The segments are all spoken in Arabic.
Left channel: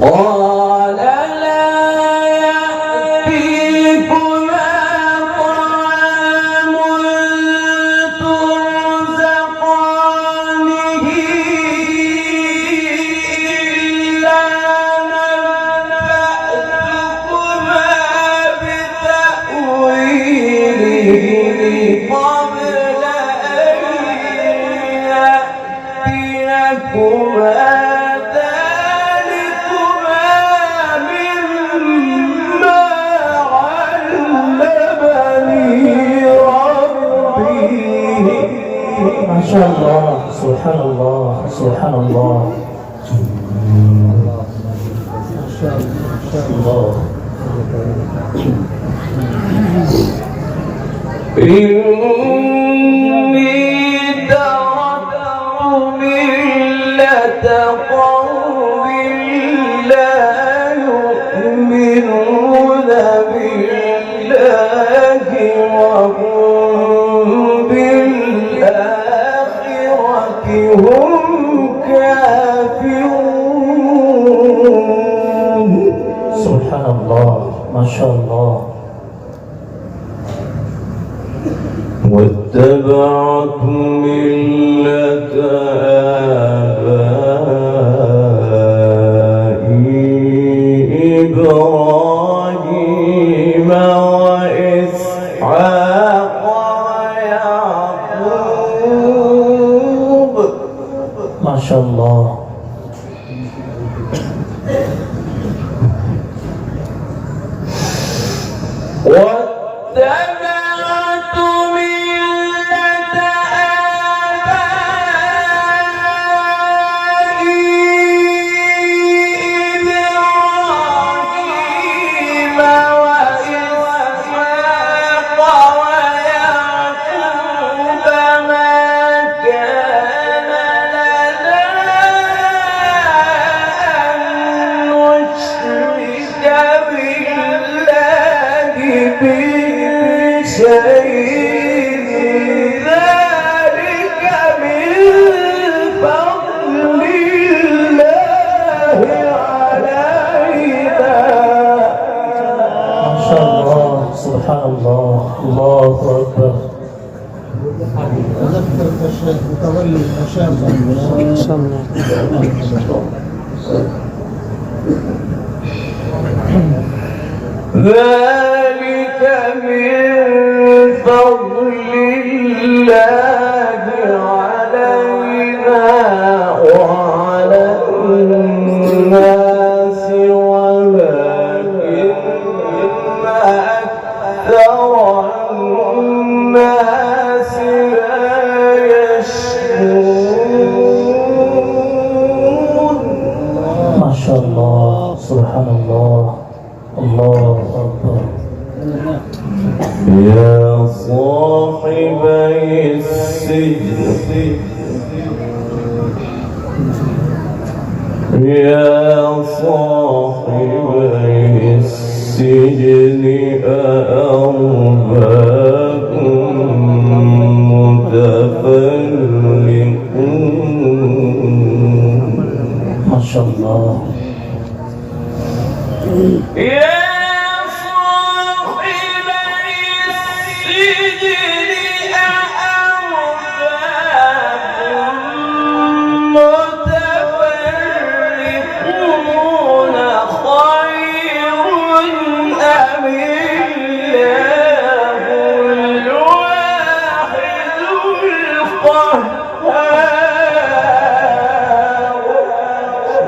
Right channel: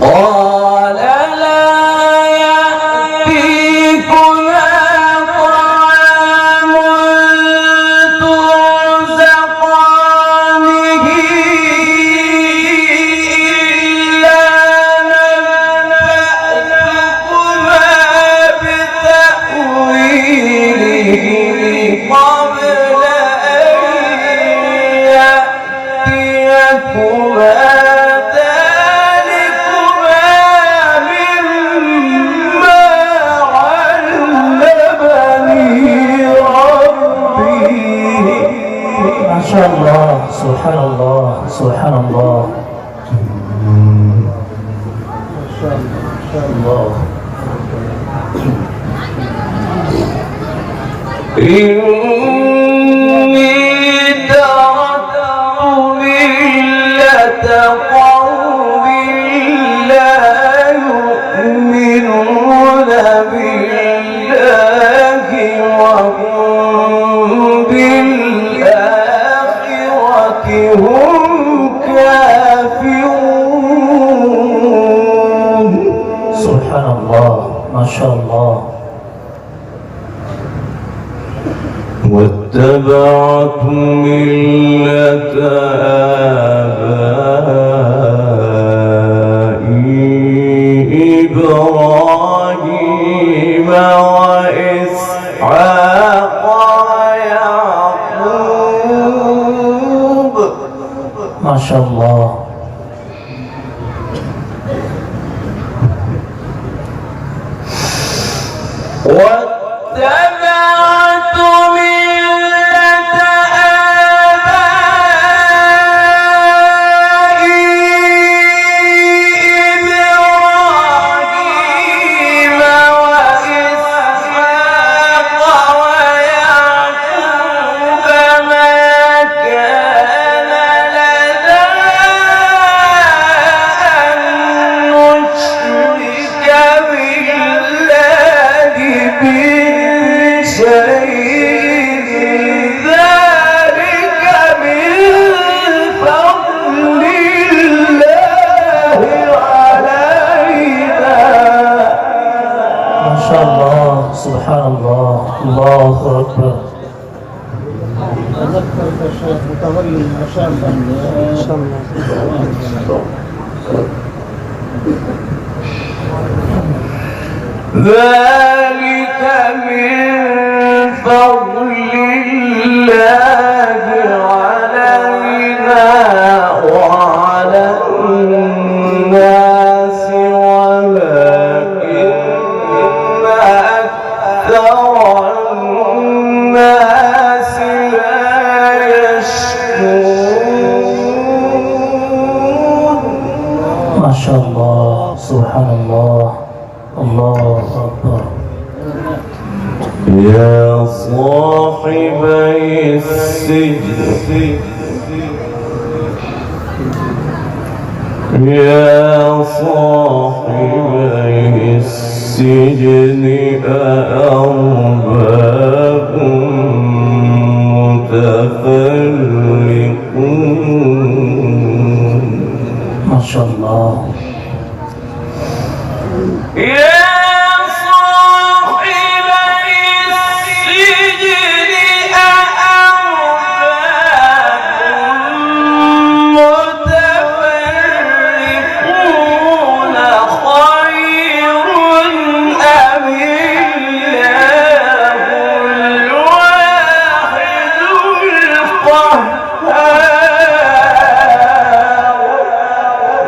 قال لا يأتيكما طعام ترزقانه إلا نبأتكما بتأويله قبل أن يأتيكما ما شاء الله. سبحان الله سبحان الله ما شاء الله. إني تركت ملة قوم لا يؤمنون بالله وهم بالآخرة هم كافرون. سبحان الله ما شاء الله. واتبعت ملة آبائي إبراهيم وإسحاق ويعقوب. ما شاء الله. واتبعت ملة آبائي إبراهيم وإسحاق ويعقوب ما كان لنا أن نشرك بالله شيء ذلك من فضل الله علينا. ما شاء الله سبحان الله. الله أكبر. تذكر الشيخ متولي المشافة ذلك من فضل الله علينا وعلى الناس ولكن أكثر الناس لا يشكرون. ما شاء الله سبحان الله. الله أكبر. يا صاحبي السجن يا صاحبي السجن أأرباب متفرقون. ما شاء الله.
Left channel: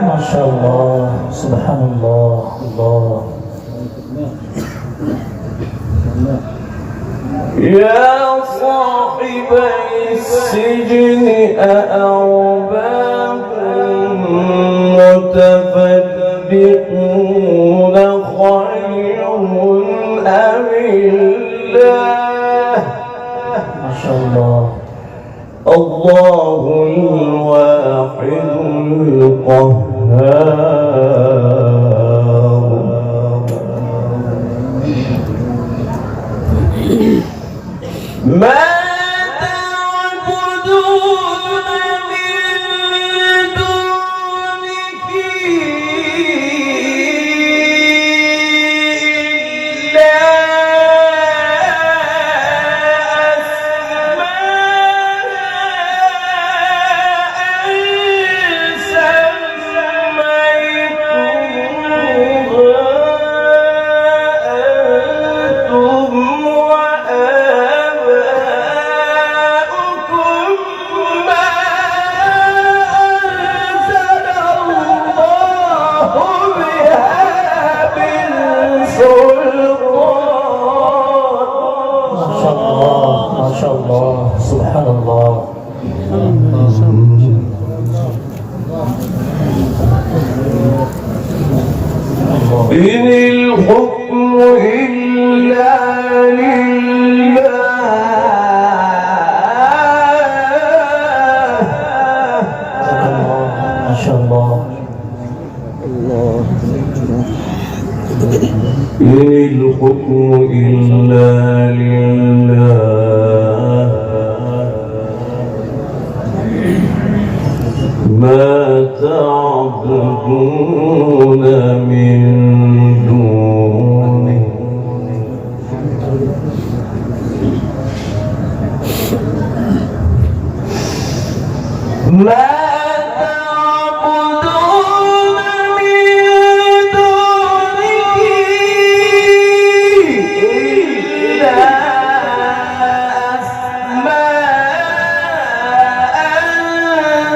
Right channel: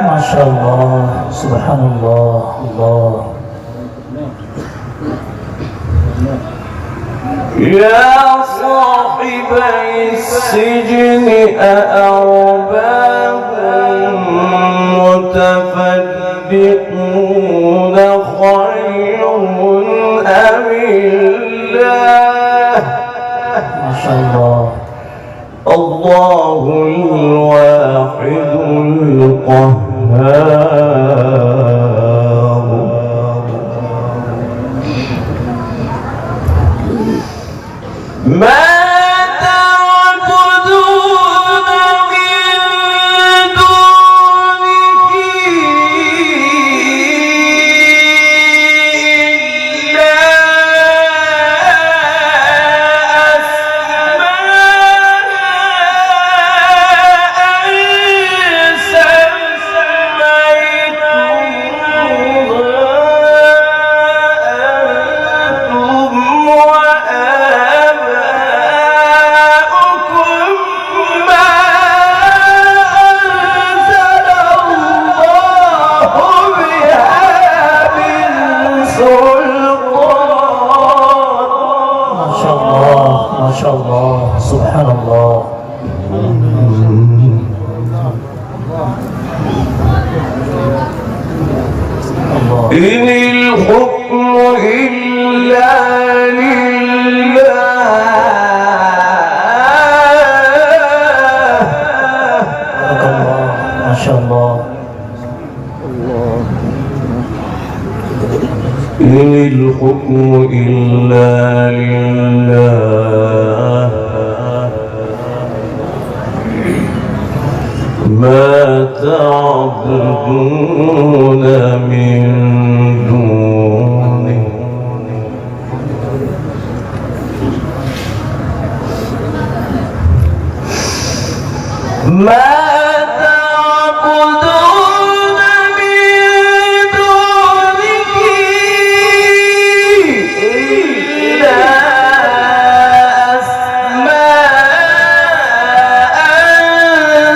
ما شاء الله سبحان الله. الله. يا صاحبي السجن أأرباب متفرقون خير أم الله. ما شاء الله. الله الواحد القهار. ما تعبدون من دون إن الحكم إلا لله ما تعبدون من دونه ما تعبدون من دونه إلا أسماء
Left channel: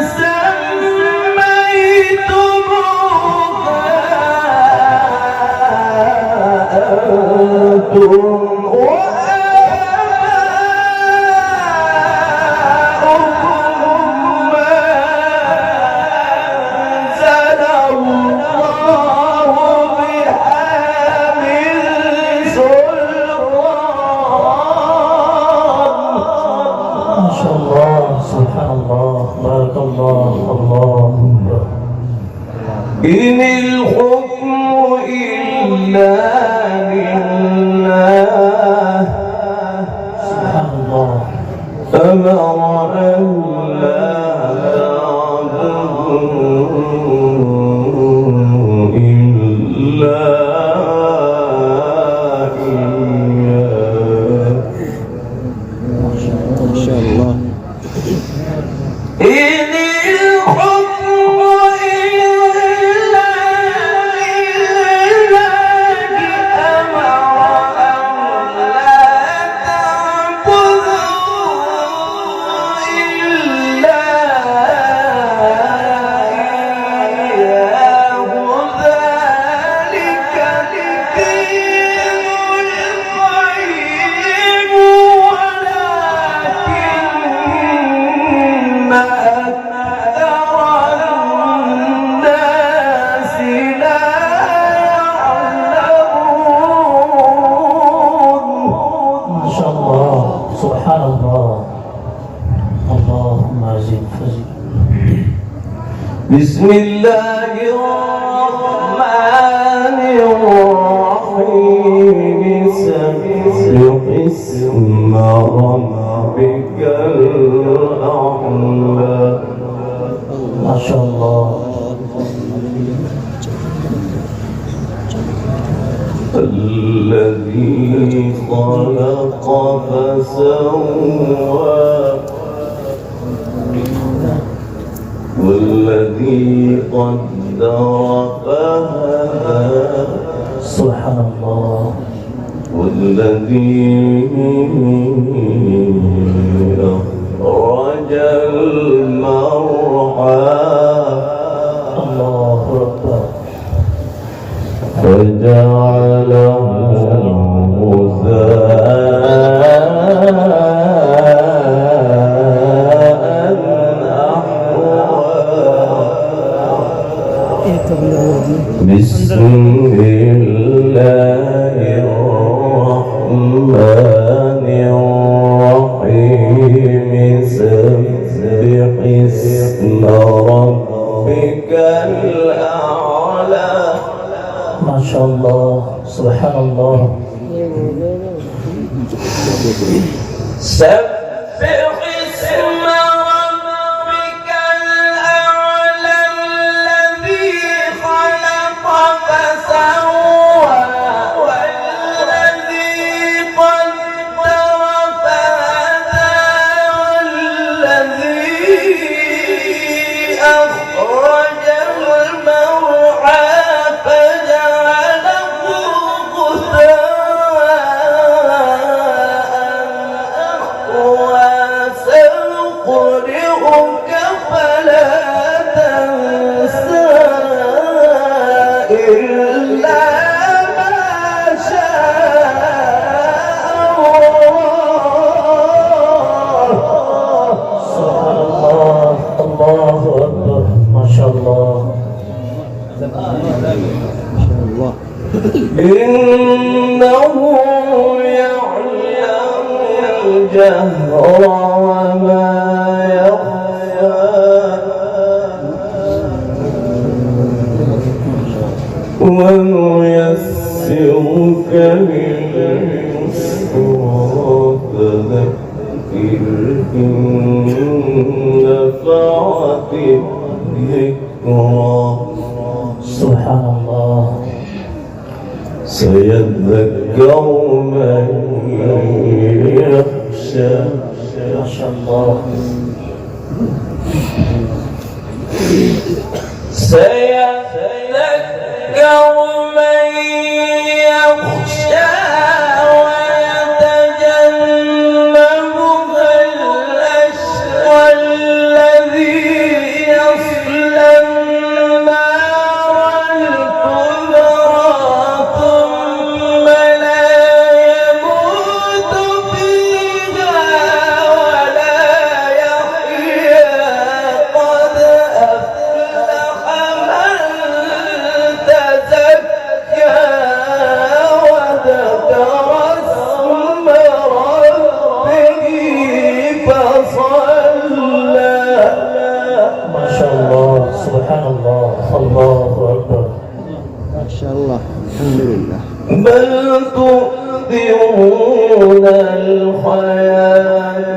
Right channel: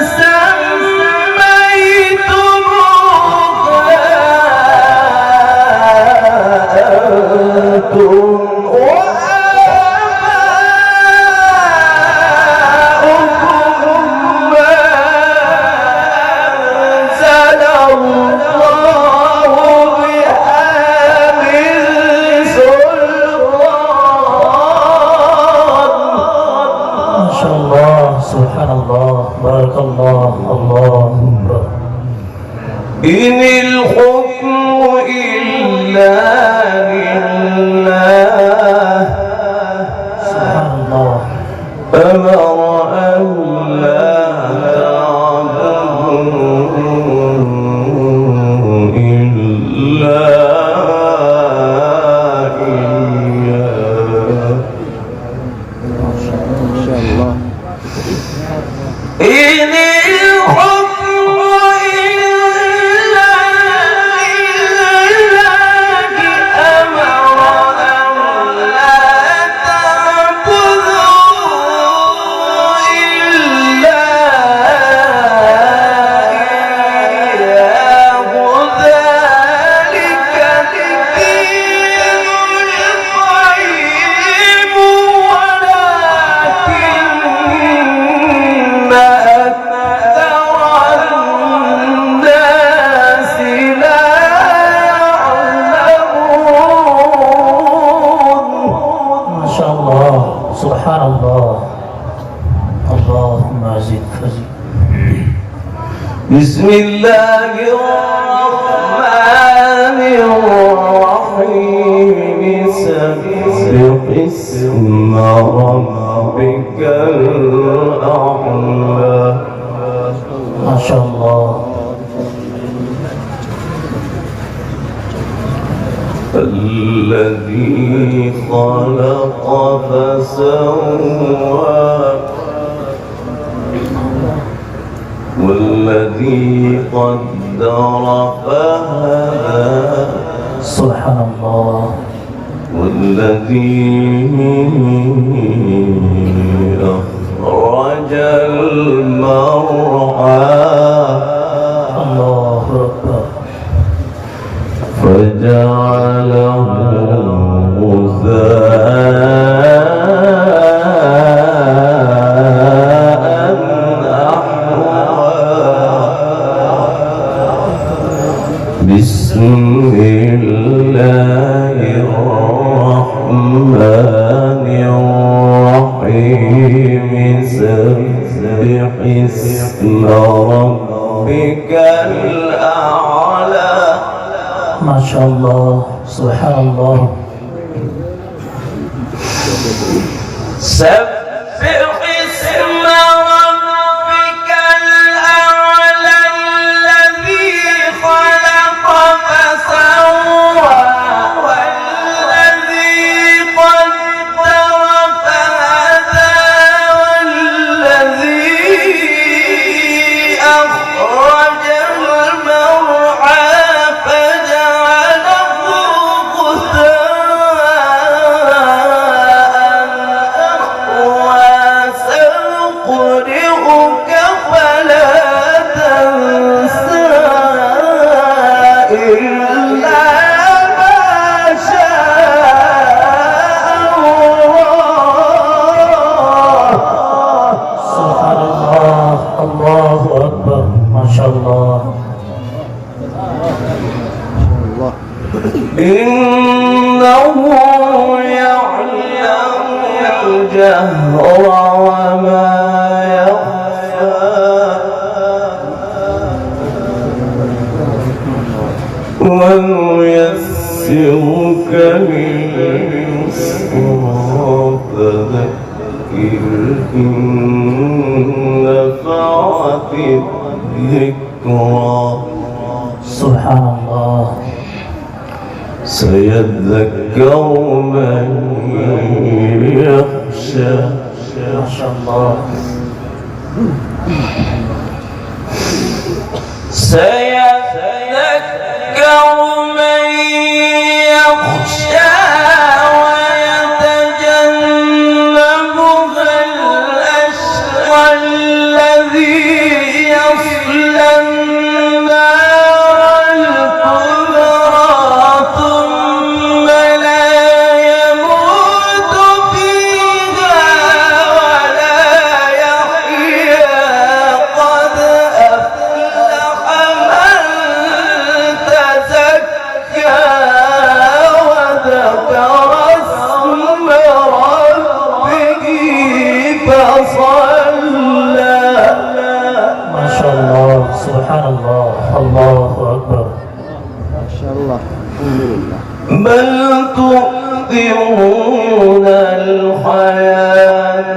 سميتموها إن الحكم إلا لله سبحان الله أمر أن لا تعبدوا إلا إياه إن شاء الله. إن الحكم إلا لله أمر أن لا تعبدوا إلا إياه ذلك الدين القيم ولكن أكثر الناس لا يعلمون. ما شاء الله سبحان الله اللهم زد فزد. بسم الله الرحمن الرحيم سبح اسم ربك الأعلى ما شاء الله الذي خلق فسوى والذي قدر فهدى سبحان الله والذي أخرج المرعى الله أكبر فجعله غثاء أحوى. بسم الله الرحمن الرحيم سبح اسم ربك الأعلى. ما شاء الله سبحان الله سبح اسم ربك الأعلى الذي خلق فسوى والذي قدر فهدى والذي أخرج المرعى فجعله غثاء سنقرئك فلا تنسى إلا ما شاء الله. سبحان الله الله أكبر ما شاء الله إنه يعلم الجهر وما يخفى ونيسرك الذكرى سبحان الله. سيذكر من يخشى. ما شاء الله. سيذكر من يخشى ويتجنبها الأشقى الذي يصلى النار الكبرى ثم لا يموت فيها ولا يحيا قد أفلح من تزكى وذكر اسم ربه فصلى. ما شاء الله. سبحان الله. الله أكبر. ما شاء الله. الحمد لله. بل تؤثرون الحياة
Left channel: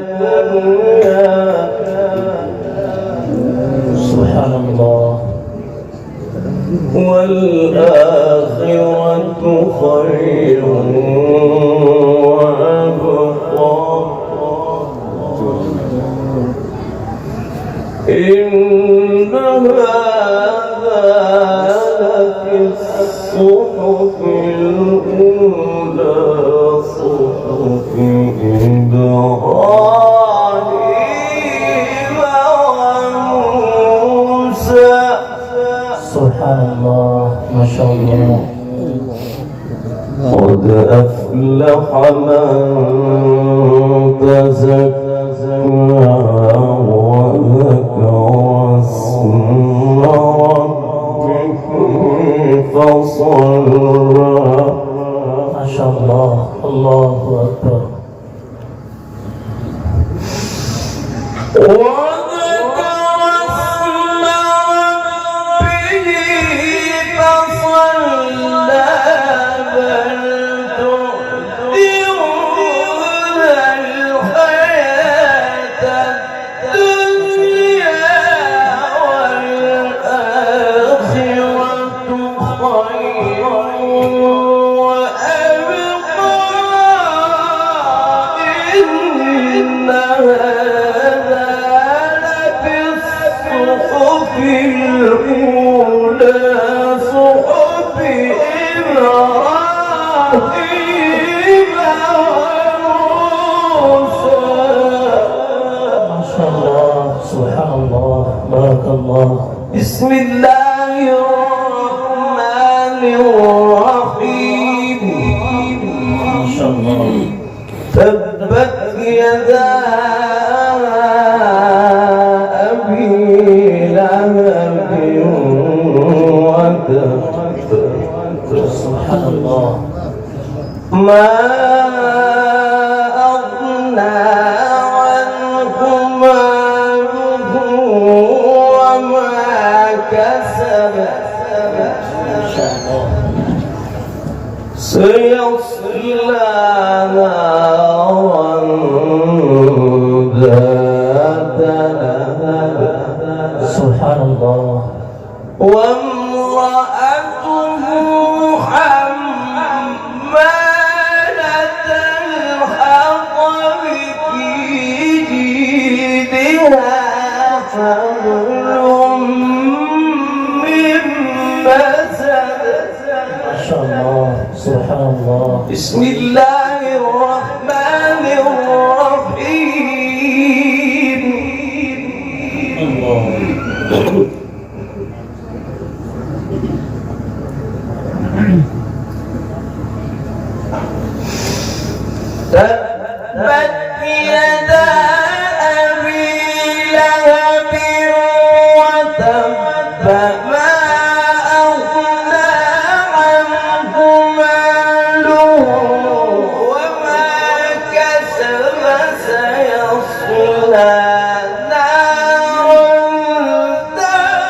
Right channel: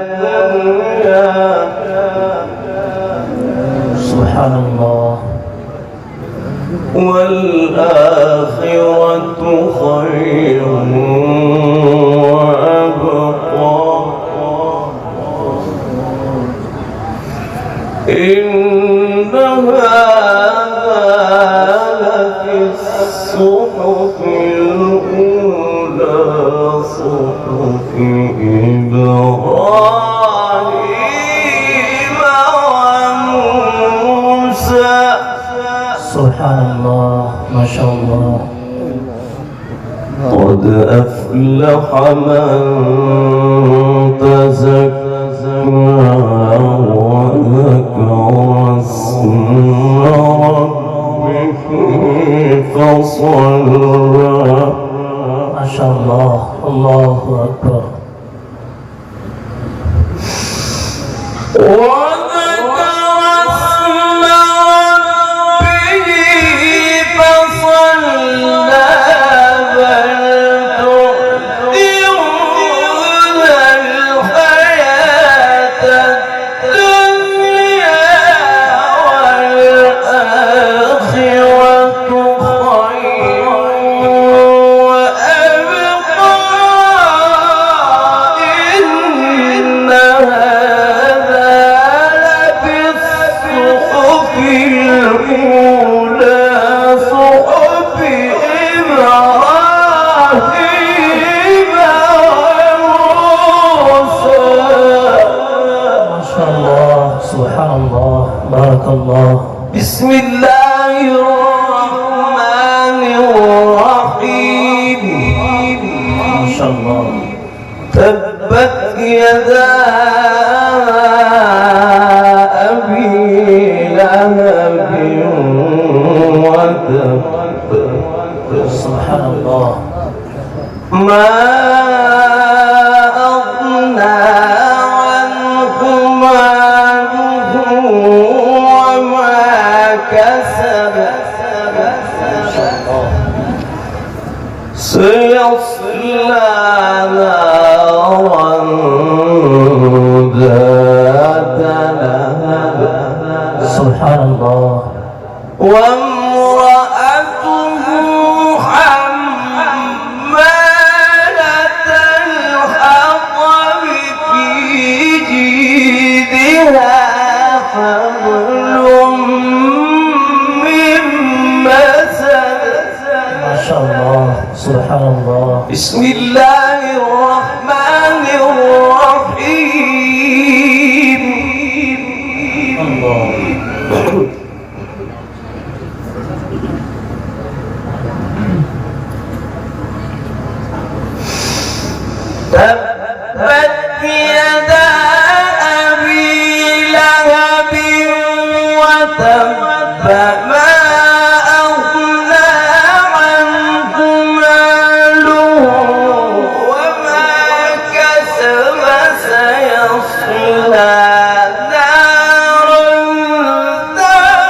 الدنيا سبحان الله. والآخرة خير وأبقى إن هذا لفي الصحف الأولى صحف إبراهيم وموسى. سبحان الله. ما شاء الله. قد أفلح من تزكى وذكر اسم ربه فصلى. ما شاء الله. الله أكبر. وذكر اسم ربه فصلى. بل تؤثرون الحياة الدنيا والآخرة خير وأبقى إن هذا لفي الصحف الأولى صحف إبراهيم وموسى. ما شاء الله. سبحان الله. بارك الله. بسم الله الرحمن الرحيم. ما شاء الله. تبت يدا أبي لهب وتب. سبحان الله. ما أغنى عنه ماله وما كسب. ما شاء الله. سيصلى نارا ذات لهب. سبحان الله. وامرأته حمالة الحطب في جيدها حبل من مسد. ما شاء الله. سبحان الله. بسم الله الرحمن الرحيم. الله. تبت يدا أبي لهب وتب. ما أغنى عنه ماله وما كسب. سيصلى نارا ذات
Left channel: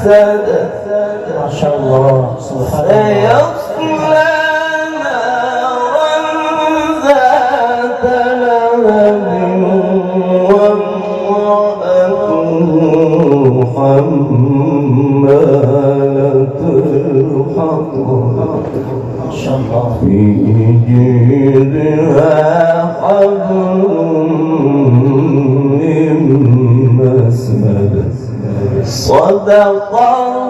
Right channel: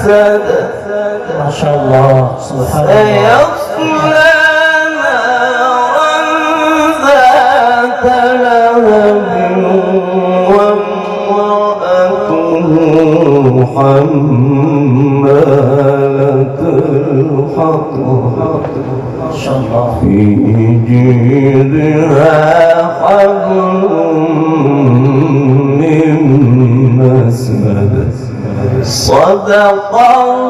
أسد ما شاء الله سبحان الله سيصلى نارا ذات لهب وامرأته حمالة الحطب ما شاء الله في جيدها حبل من مسد صدق الله